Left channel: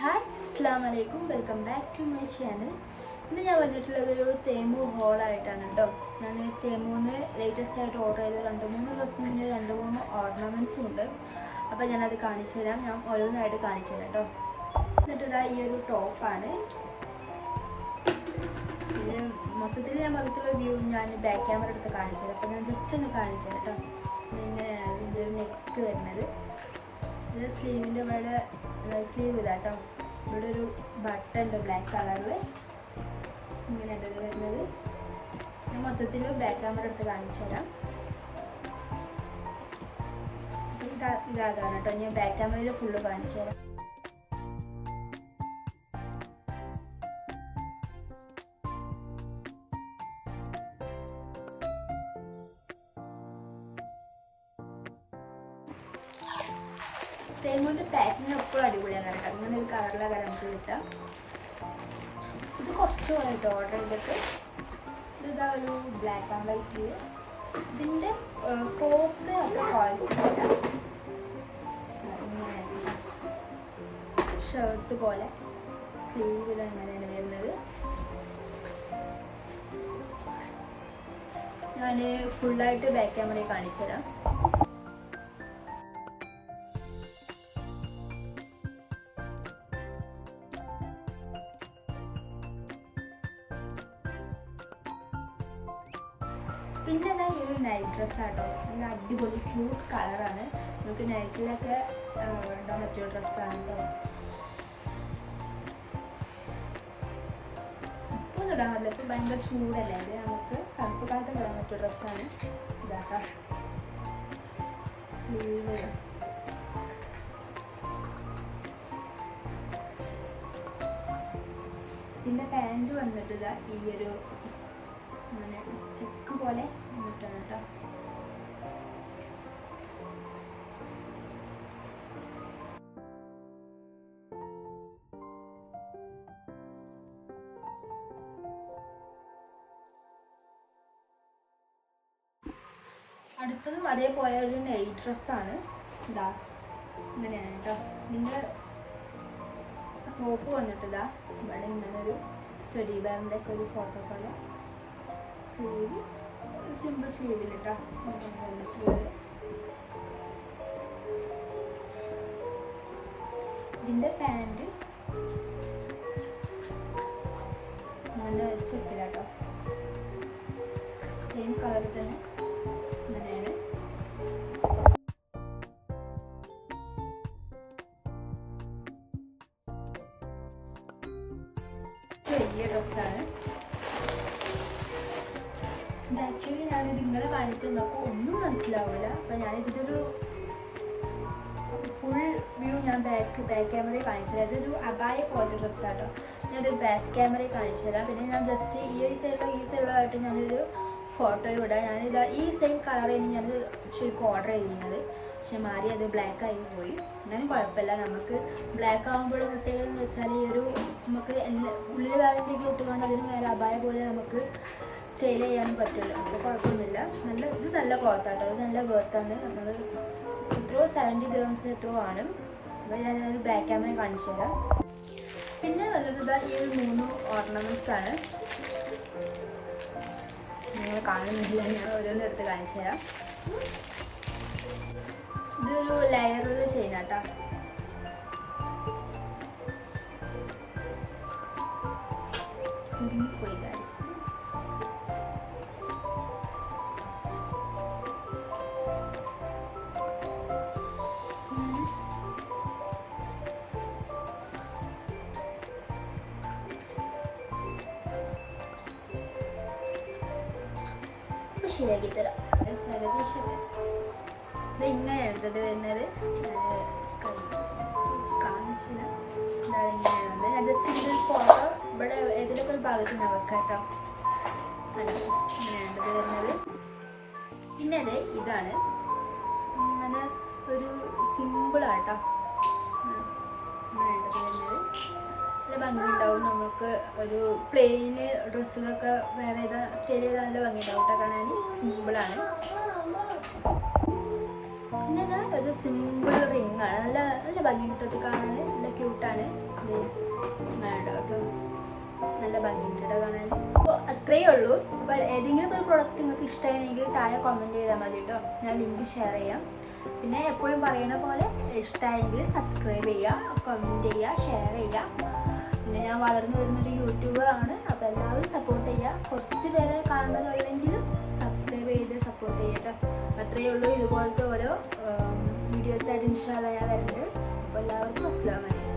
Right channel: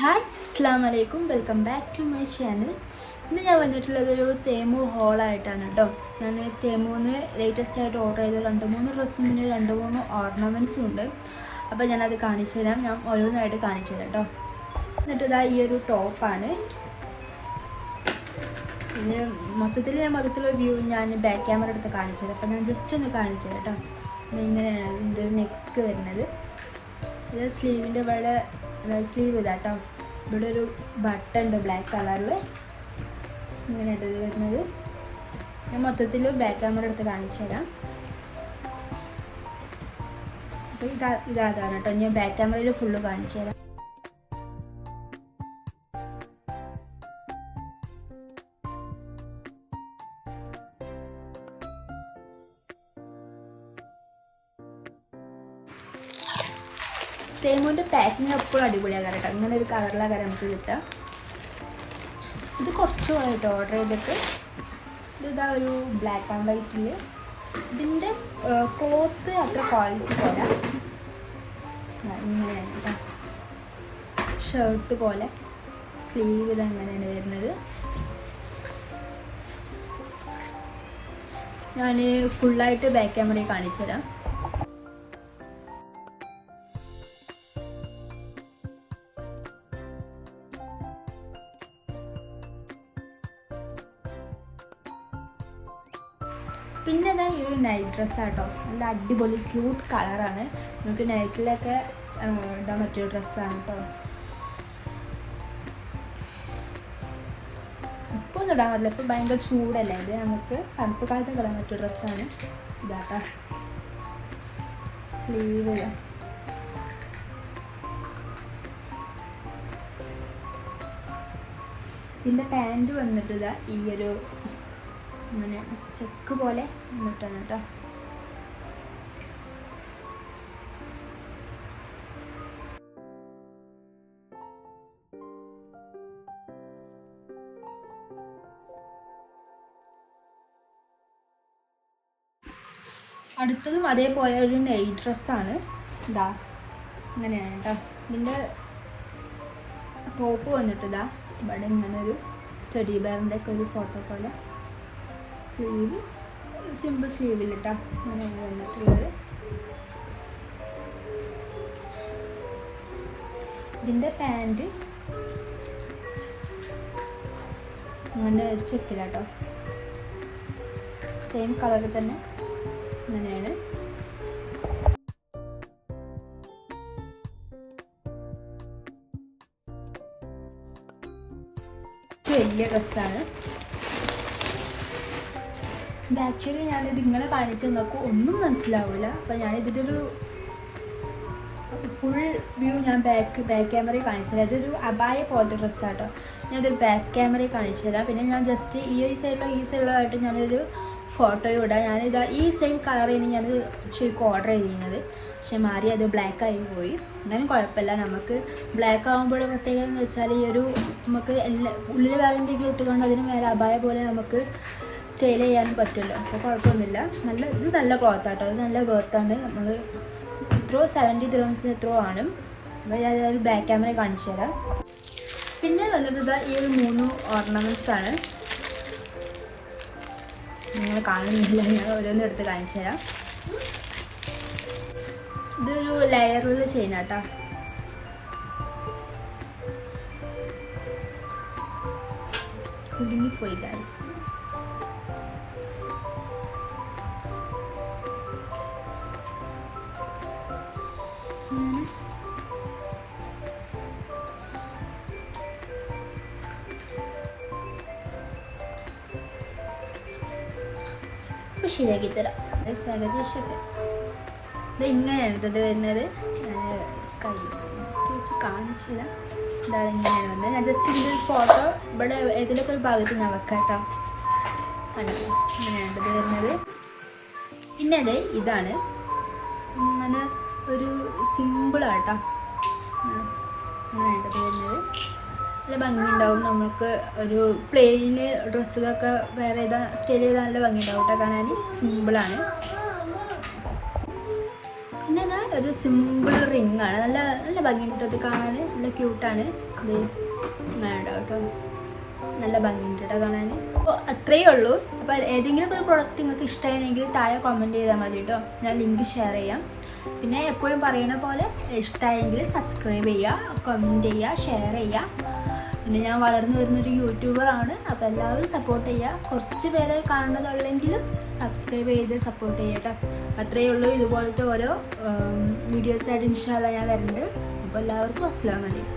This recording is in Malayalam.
ഹായ് അസ്സാം വലൈക്കും welcome back to my channel ഇന്ന് ഞാൻ വന്നിട്ടുള്ളത് ഒരു തേമു ഹോളായിട്ടാണ് കേട്ടോ ഞാൻ തേമൂന്ന് ലേറ്റസ്റ്റ് ആയിട്ട് ഓർഡർ ചെയ്ത രണ്ട് മൂന്ന് ഡ്രസ്സിന് രണ്ട് മൂന്ന് ഓർണമെന്റ്സും ഉണ്ട്. അപ്പോൾ ഞാനത് കാണിച്ചു തരാം. ഞാൻ ഓരോന്നായിട്ട് കാണിച്ചു തരാം കേട്ടോ എന്നിട്ട് ഇതാ ഈ ഒരു ടോപ്പാണ് ഇത് മൊത്തത്തിൽ ഞാൻ മൊത്തത്തിലുള്ള വ്യൂ ഞാൻ ബാക്ക് ക്യാമറ എടുത്ത് കാണിച്ചു തരാം. അപ്പോൾ ഞാൻ ജസ്റ്റ് ഒന്ന് കാണിച്ചു തരാം കേട്ടോ ഇങ്ങനെയാണ് ഇതിന്റെ നെക്ക് വരുന്നത്. ഇത് സ്ലീവിന്റെ ഇവിടെ സ്ലീവ് ഇല്ല കേട്ടോ ഇവിടെ ഒരു ബട്ടൺ ഉണ്ട് ബ്ലാക്ക് കളറിൽ ഇങ്ങനെ ഇത് വരുന്നത്. ഞാൻ മൊത്തത്തിൽ ബാക്ക് ക്യാമറ എടുത്ത് കാണിച്ചു തരാം. അപ്പോൾ ഇതാ ഇതാകാണ് കേട്ടോ ഞാൻ ബാക്ക് ക്യാമറയിൽ ഫുള്ള് കാണിച്ചു തരാം. തേങ്ങോന്റെ പാക്കിങ് എപ്പോഴും അടിപൊളിയാണ് കേട്ടോ ഇങ്ങനെ ഒരു കളറിലാണ് നമുക്ക് കിട്ടുക ഇത് കുറച്ച് പോയിട്ട് ഓർഡർ ചെയ്തിട്ട്. ഇതാ ഒരു ബ്ലാക്ക് ആൻഡ് വൈറ്റിൽ ഇതിന്റെ ക്ലോത്ത് അത്ര ക്വാളിറ്റി പോലെ ഷർട്ട് പോലെ. സ്ലീവ് ഇത് അങ്ങനെയാണ് വരുന്നത്. ഞാൻ ഫുള്ളായിട്ട് ബാക്ക് ക്യാമറയിൽ കാണിച്ചു തരാം പിന്നെ ഇതാ ഈ ഒരു നൈറ്റ് ഡ്രസ്സ് ആട്ടോ. നല്ല അടിപൊളി ക്യൂട്ട് കളറാണ് നമുക്ക് നൈറ്റിലൊക്കെ ഇടാൻ പറ്റിയ ഡ്രസ്സാണ് കേട്ടോ ഇപ്പോൾ ഒന്നും ഇടാൻ പറ്റില്ല. ഇപ്പോൾ ഭയങ്കര ചൂടല്ലേ? ഇത് നമുക്ക് തണുപ്പ് കാലത്ത് ഇടാൻ പറ്റിയ ഡ്രസ്സാണ് ഇതാട്ടോ സ്ലീവ് ഇതിന്റെ പാന്റ് വന്നിട്ട് ഇതാ ഈ ഒരു ഇങ്ങനെ ചെക്ക് പോലെ വന്നിട്ടാണ് കേട്ടോ. അടുത്തതും അതേപോലെ ഒരു നൈറ്റ് ഡ്രസ്സാണ് ഇതാ ഇങ്ങനെയാണ് കേട്ടോ. ഇതിന്റെ ടോപ്പ് വന്നിട്ട് ഇതാ ഇവിടെ ഇങ്ങനെ ഒരു ടെഡി ബെയറിന്റെ ഒക്കെ ഒരു ഫോട്ടോ പോലെ സ്ലീവ് സിമ്പിൾ സ്ലീവിൽ കേട്ടോ വന്നിട്ടുള്ളത് ഇതിന്റെ പാന്റ് അങ്ങനെ ചെക്കിലാട്ടോ സെയിം കളർ തന്നെ അങ്ങനെയാണ് വലിയ ഡ്രസ്സാണ്. ഇത് ആക്ച്വലി ഞാനിത് ഇങ്ങനെ കാണിച്ചു നോക്കും ഒന്നും മനസ്സിലാവില്ല അപ്പം ഞാനിതിന്റെ ഒരു ഫുൾ വ്യൂ ഞാൻ ബാക്ക് ബാക്ക് ക്യാമറയിൽ കാണിച്ചു തരാം. അബായ പോലത്തെ ഡ്രസ്സാട്ടോ ഞാനതൊരു ബാക്ക് ക്യാമറയിൽ കാണിച്ചു തരാം. പിന്നെ ഞാൻ ജസ്റ്റ് ഈ ഒരു സൈഡിലോ ഈ സൈഡിലോ ആയിട്ട് ഞാനൊരു ഫോട്ടോ ഇടാം. ഞാനിത് ഈ സെയിം കളറിന് ഞാൻ ശരിക്കും ഓർഡർ ചെയ്തിരുന്നത് പക്ഷെ മാറി അത് ബ്ലാക്ക് ആയി പോയി. എന്നാലും കുഴപ്പമില്ല. നമുക്ക് ബ്ലാക്ക് ആകുമ്പോൾ പ്രത്യേകത എന്ന് വെച്ചാൽ ഈ ഒരു നമുക്ക് എല്ലാ ഉള്ളിൽ വേറെ എന്തെങ്കിലും ഇട്ടുകൊണ്ട് അതിന് മേലെ അബായ പോലെ നമുക്ക് സ്റ്റൈൽ ചെയ്യാൻ പറ്റുമല്ലോ. അപ്പോൾ കുഴപ്പമൊന്നുമില്ല. നല്ല ഇത് നല്ല ക്ലോത്ത് ആട്ടോ. ഇത് നല്ല വേർത്താണ് നമ്മൾ ഇത്രയോ സെവന്റി ഗ്രാംസ് എത്രയോ ആണ്. അപ്പോൾ ഞാൻ ഒരു ബാക്ക് ക്യാമറ കാണിച്ചു തരാം. പിന്നെ വന്നിട്ട് ഈ ഒരു മൂന്ന് ഓർണമെന്റ്സ് ആണ്. നിങ്ങൾ കാണുന്നില്ല. ഞാൻ ഓരോന്നും എടുത്ത് കാണിച്ചു തരാം. ഇതൊരു ലെയറുള്ള ചെയിൻ ആട്ടാ. കുടുങ്ങിപ്പോയി ഗൈസ് ശരിയാക്കി തരാം. ഏകദേശമൊക്കെ ഇത് ഇങ്ങനെയാണ് ഇത് വരുന്നത് ഞാൻ ഞാൻ ജസ്റ്റ് ഇതിന്റെ ഒരു ഫോട്ടോ ഇവിടെ ഏതിലൊക്കെ ഒരു ഭാഗത്ത് ഞാൻ വെക്കാം കേട്ടോ. ഇത് വരുന്നത്. പിന്നെ അതെ ഇതാണ്. അങ്ങനെ ഒരു സിമ്പിളാട്ടോ. ഇങ്ങനെ വരുന്നത്. നല്ല ഭംഗിയുണ്ടാവും നമുക്ക് ഒരു പ്ലെയിൻ ഡ്രസ്സുകളൊക്കെ വേറെ ഏതാ സ്റ്റൈൽ ചെയ്താൽ നല്ല ഭംഗിയുണ്ടാവും കേട്ടോ കാണാൻ. സിമ്പിളാണ് പിന്നെ ഇതാ ഒരു സിമ്പിൾ റിംഗ് ആണ്. നല്ല നല്ല ഭംഗിയുണ്ട് ഇത് കാണാൻ. നല്ല ക്യൂട്ടാണ് ഇത് ഉണ്ടാവും നല്ല ഭംഗിയുണ്ട് കേട്ടോ കാണാൻ. അപ്പോൾ അത്രയേ ഉള്ളൂ. അപ്പോൾ ഏതെങ്കിലും ഒരു പ്രോഡക്റ്റ് നിങ്ങൾക്ക് ഇഷ്ടമായിരുന്നെങ്കിൽ താഴെ കമന്റ് ചെയ്താൽ മതി കേട്ടോ ഞാൻ ലിങ്ക് ഷെയർ ചെയ്യാം. പിന്നെ എപ്പോഴും പറയുന്ന പോലെ ഇഷ്ടമായെങ്കിൽ സബ്സ്ക്രൈബ് ചെയ്യുക കമന്റ് ചെയ്യുക ഷെയർ ചെയ്യുക പിന്നെ ഞാൻ വളർന്നു വരുന്നൊരു യൂട്യൂബറാണ് അപ്പോൾ എല്ലാവരും സപ്പോർട്ട് ചെയ്യുക കുറച്ച് പേരെ കാണുന്നതുള്ളെങ്കിലും സബ്സ്ക്രൈബ് ചെയ്ത് സപ്പോർട്ട് ചെയ്യുക കേട്ടോ അത്രയേ ഉള്ളൂ ഇതുപോലത്തെ ഓരോ വീഡിയോസായിട്ട് ഇൻഷാല്ല ഞാൻ വരുന്നുണ്ട് അപ്പോൾ എല്ലാവർക്കും അസ്സാം വലൈക്കും